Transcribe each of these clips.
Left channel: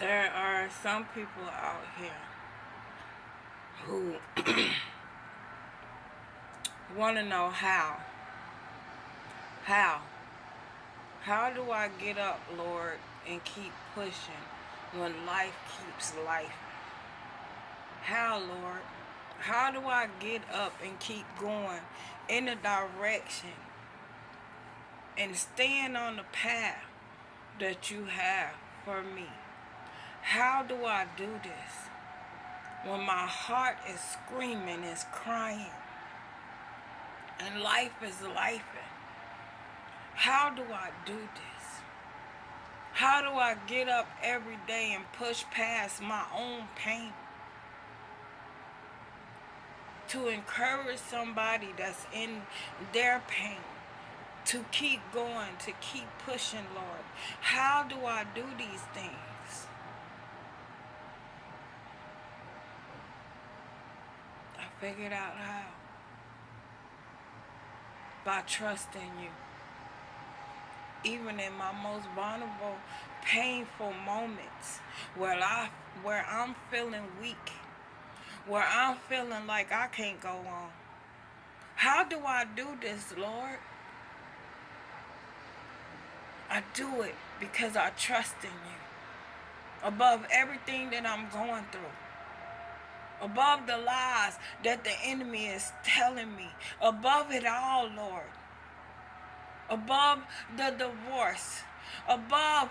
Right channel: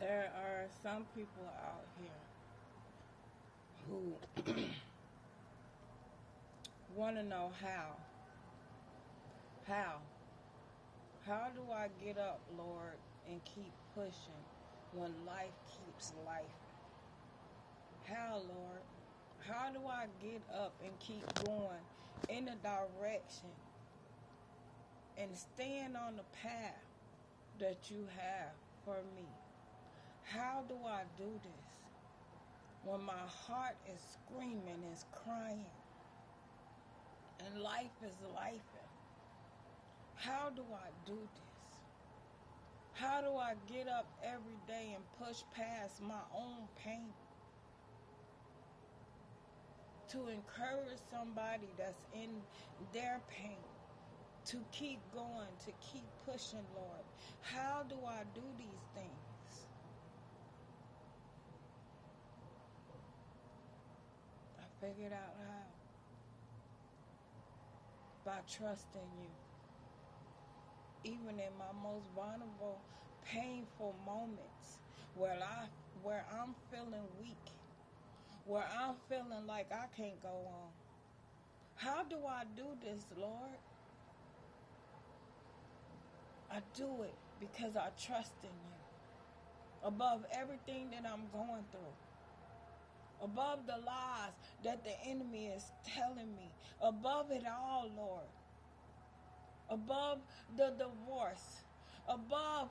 There are some people out here who want to know how. How? How do I get up, Lord, and keep pushing when life keeps life? How, Lord? How do I get up and keep going in the direction and stand on the path that you have for me? How do I do this when my heart is screaming, is crying, and life is life? How do I do this? How do I get up every day and push past my own pain to encourage somebody that's in their pain to keep going, to keep pushing, Lord? How do I do these things? I figured out how. By trusting you. Even in my most vulnerable, painful moments where I'm feeling weak, where I'm feeling like I can't go on. How do I do this, Lord? I do it because I trust in you. Above everything that I'm going through. Above the lies that the enemy is telling me. Above it all, Lord. Above the divorce. Above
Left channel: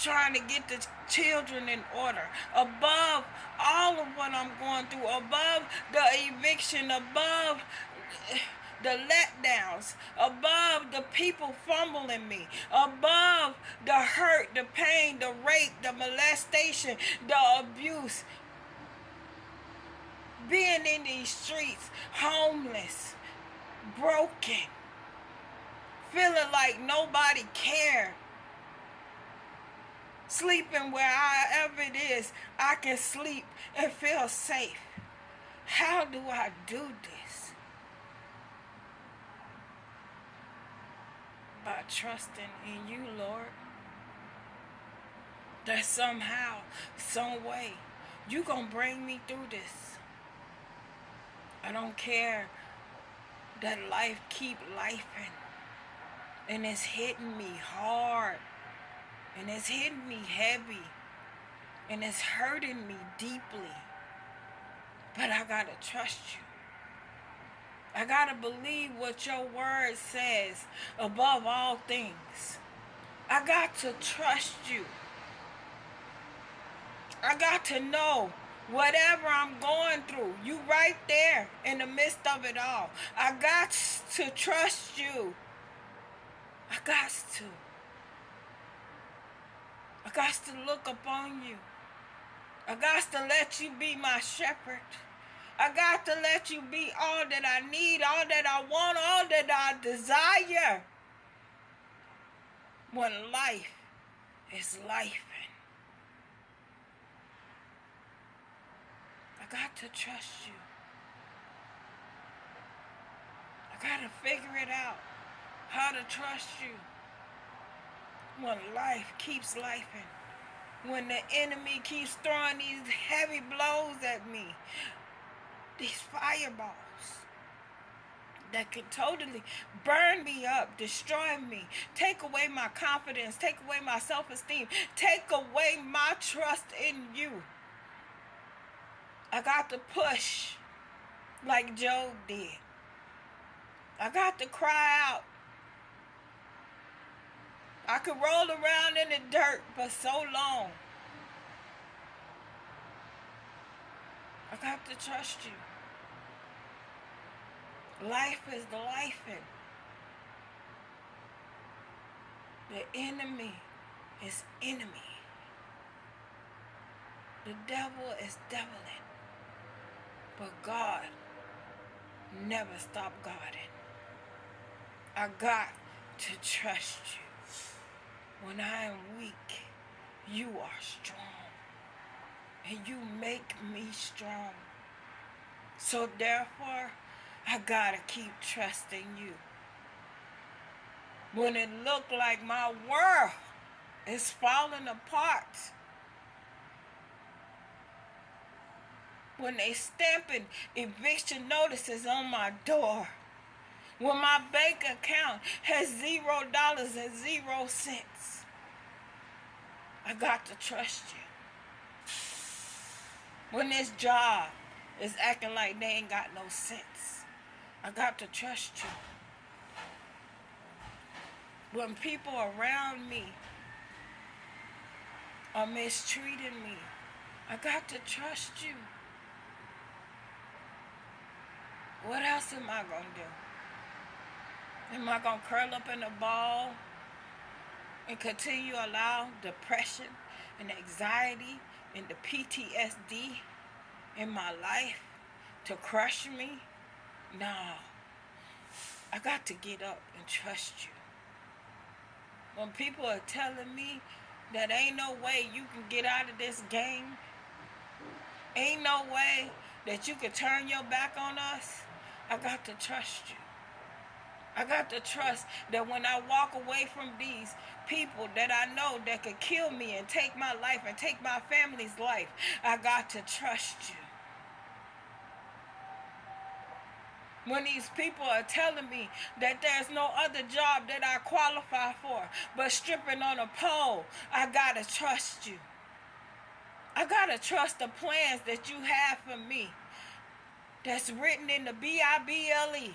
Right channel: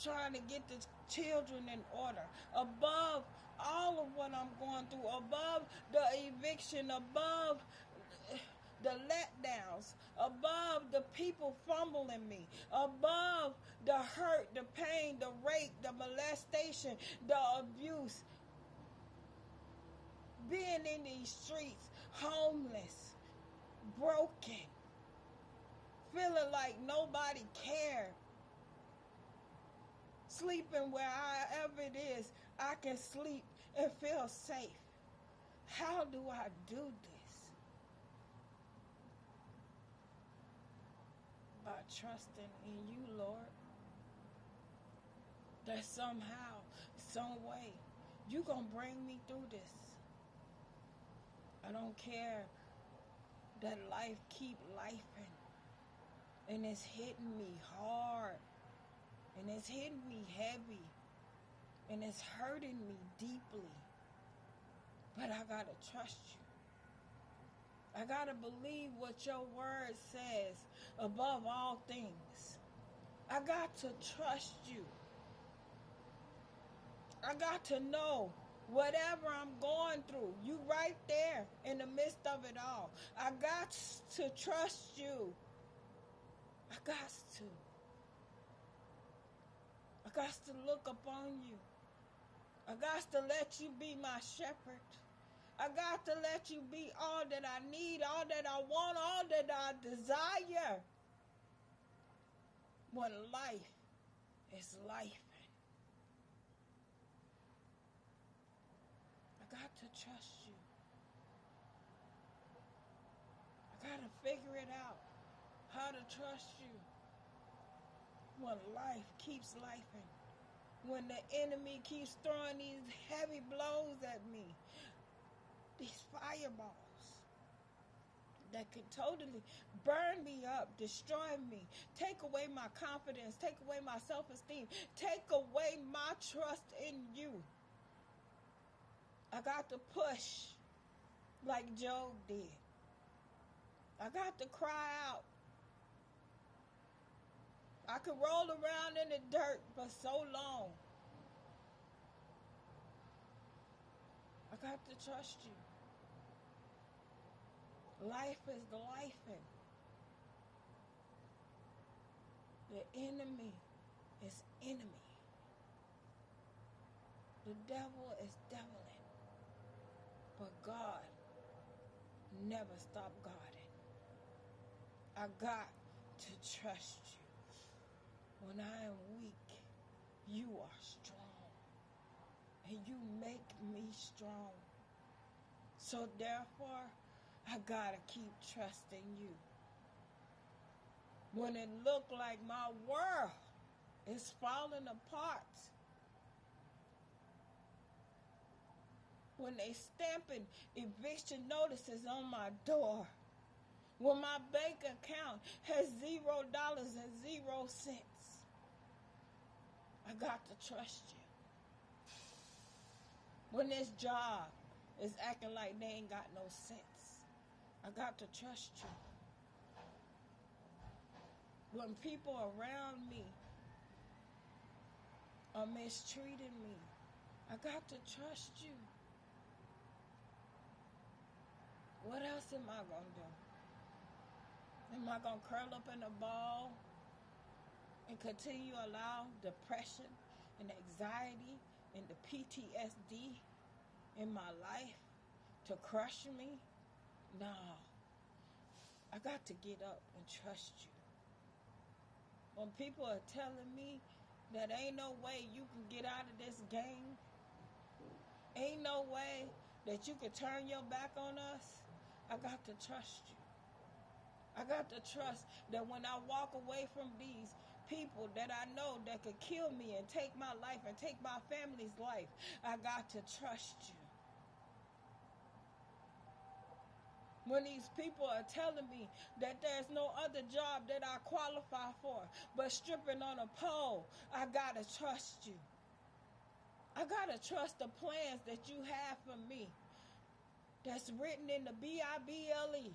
trying to get the children in order. Above all of what I'm going through. Above the eviction. Above the letdowns, above the people fumbling me, above the hurt, the pain, the rape, the molestation, the abuse, being in these streets, homeless, broken, feeling like nobody cared, sleeping wherever it is I can sleep and feel safe. How do I do this? By trusting in you, Lord. That somehow, some way, you gonna bring me through this. I don't care that life keep lifing, and it's hitting me hard, and it's hitting me heavy, and it's hurting me deeply. But I gotta trust you. I gotta believe what your word says above all things. I got to trust you. I got to know whatever I'm going through, you right there in the midst of it all. I got to trust you. I got to. I got to look upon you. I got to let you be my shepherd. I got to let you be all that I need, all that I want, all that I desire. When life is life. I got to trust you. I got to figure it out how to trust you. When life keeps lifing. When the enemy keeps throwing these heavy blows at me. These fireballs that could totally burn me up, destroy me, take away my confidence, take away my self-esteem, take away my trust in you. I got to push like Job did. I got to cry out. I could roll around in the dirt for so long. I got to trust you. Life is the lifing. The enemy is enemy. The devil is deviling. But God never stopped guarding. I got to trust you. When I am weak, you are strong. And you make me strong. So therefore, I gotta keep trusting you. When it looked like my world is falling apart, when they stamping eviction notices on my door, when my bank account has $0.00. I got to trust you. When this job is acting like they ain't got no sense, I got to trust you. When people around me are mistreating me, I got to trust you. What else am I going to do? Am I going to curl up in a ball and continue to allow depression and anxiety and the PTSD in my life to crush me? No. I got to get up and trust you. When people are telling me that ain't no way you can get out of this game, ain't no way that you can turn your back on us, I got to trust you. I got to trust that when I walk away from these people that I know that could kill me and take my life and take my family's life, I got to trust you. When these people are telling me that there's no other job that I qualify for but stripping on a pole, I got to trust you. I got to trust the plans that you have for me that's written in the Bible.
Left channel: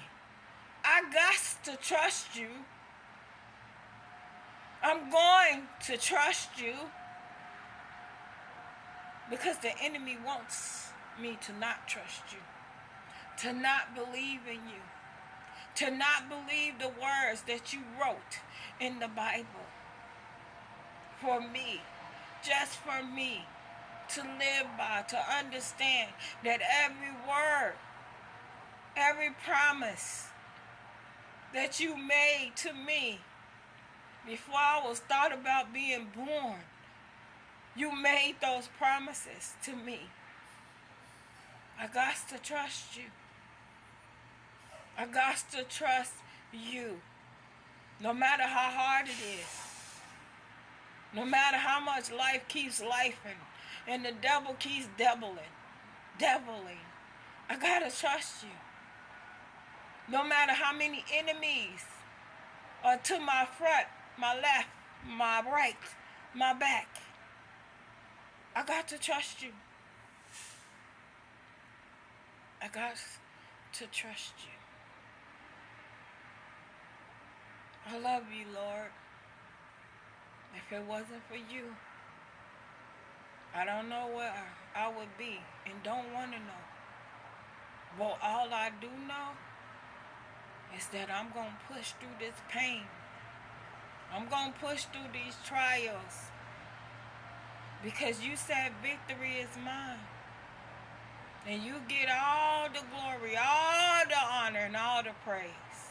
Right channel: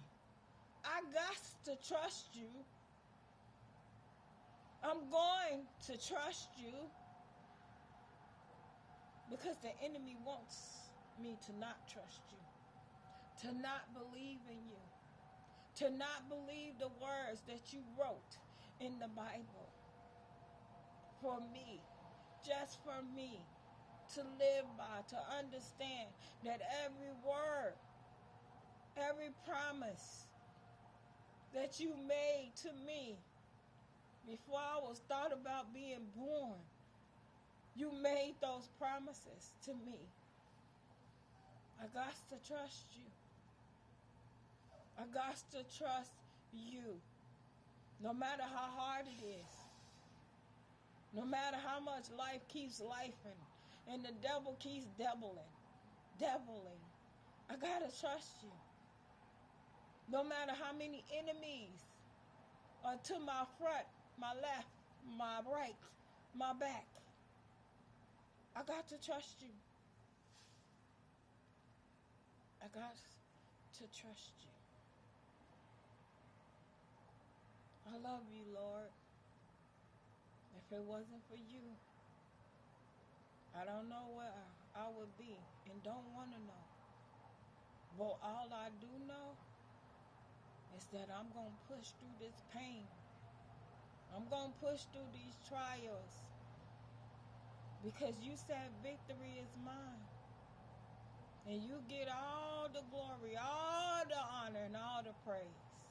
I got to trust you. I'm going to trust you because the enemy wants me to not trust you, to not believe in you, to not believe the words that you wrote in the Bible for me, just for me to live by, to understand that every word, every promise that you made to me before I was thought about being born, you made those promises to me. I got to trust you. I got to trust you. No matter how hard it is. No matter how much life keeps lifing and the devil keeps deviling. I got to trust you. No matter how many enemies are to my front, my left, my right, my back, I got to trust you. I got to trust you. I love you, Lord. If it wasn't for you, I don't know where I would be and don't want to know. But all I do know is that I'm going to push through this pain. I'm going to push through these trials because you said victory is mine. And you get all the glory, all the honor, and all the praise.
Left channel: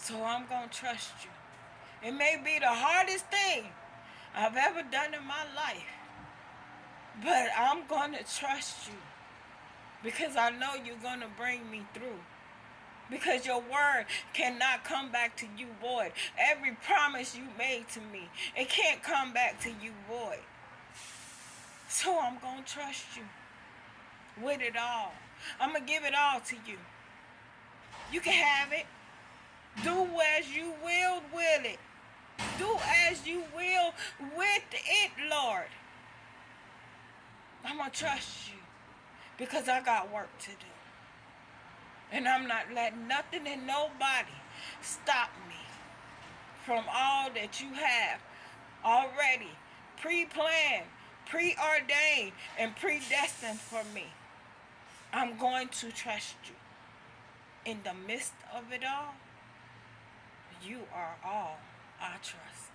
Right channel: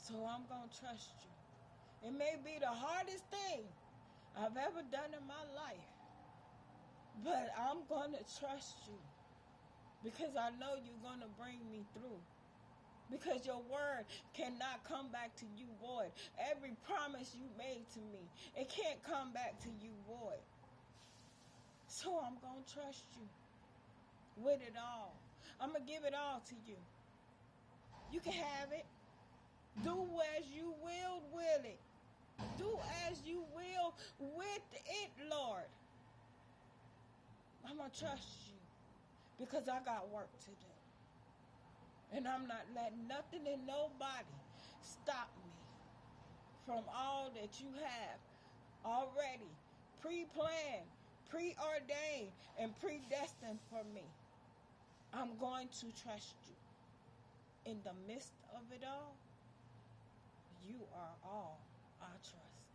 So I'm going to trust you. It may be the hardest thing I've ever done in my life, but I'm going to trust you because I know you're going to bring me through. Because your word cannot come back to you void. Every promise you made to me, it can't come back to you void. So I'm going to trust you with it all. I'm going to give it all to you. You can have it. Do as you will with it. Do as you will with it, Lord. I'm going to trust you because I got work to do. And I'm not letting nothing and nobody stop me from all that you have already pre-planned, preordained, and predestined for me. I'm going to trust you. In the midst of it all, you are all I trust.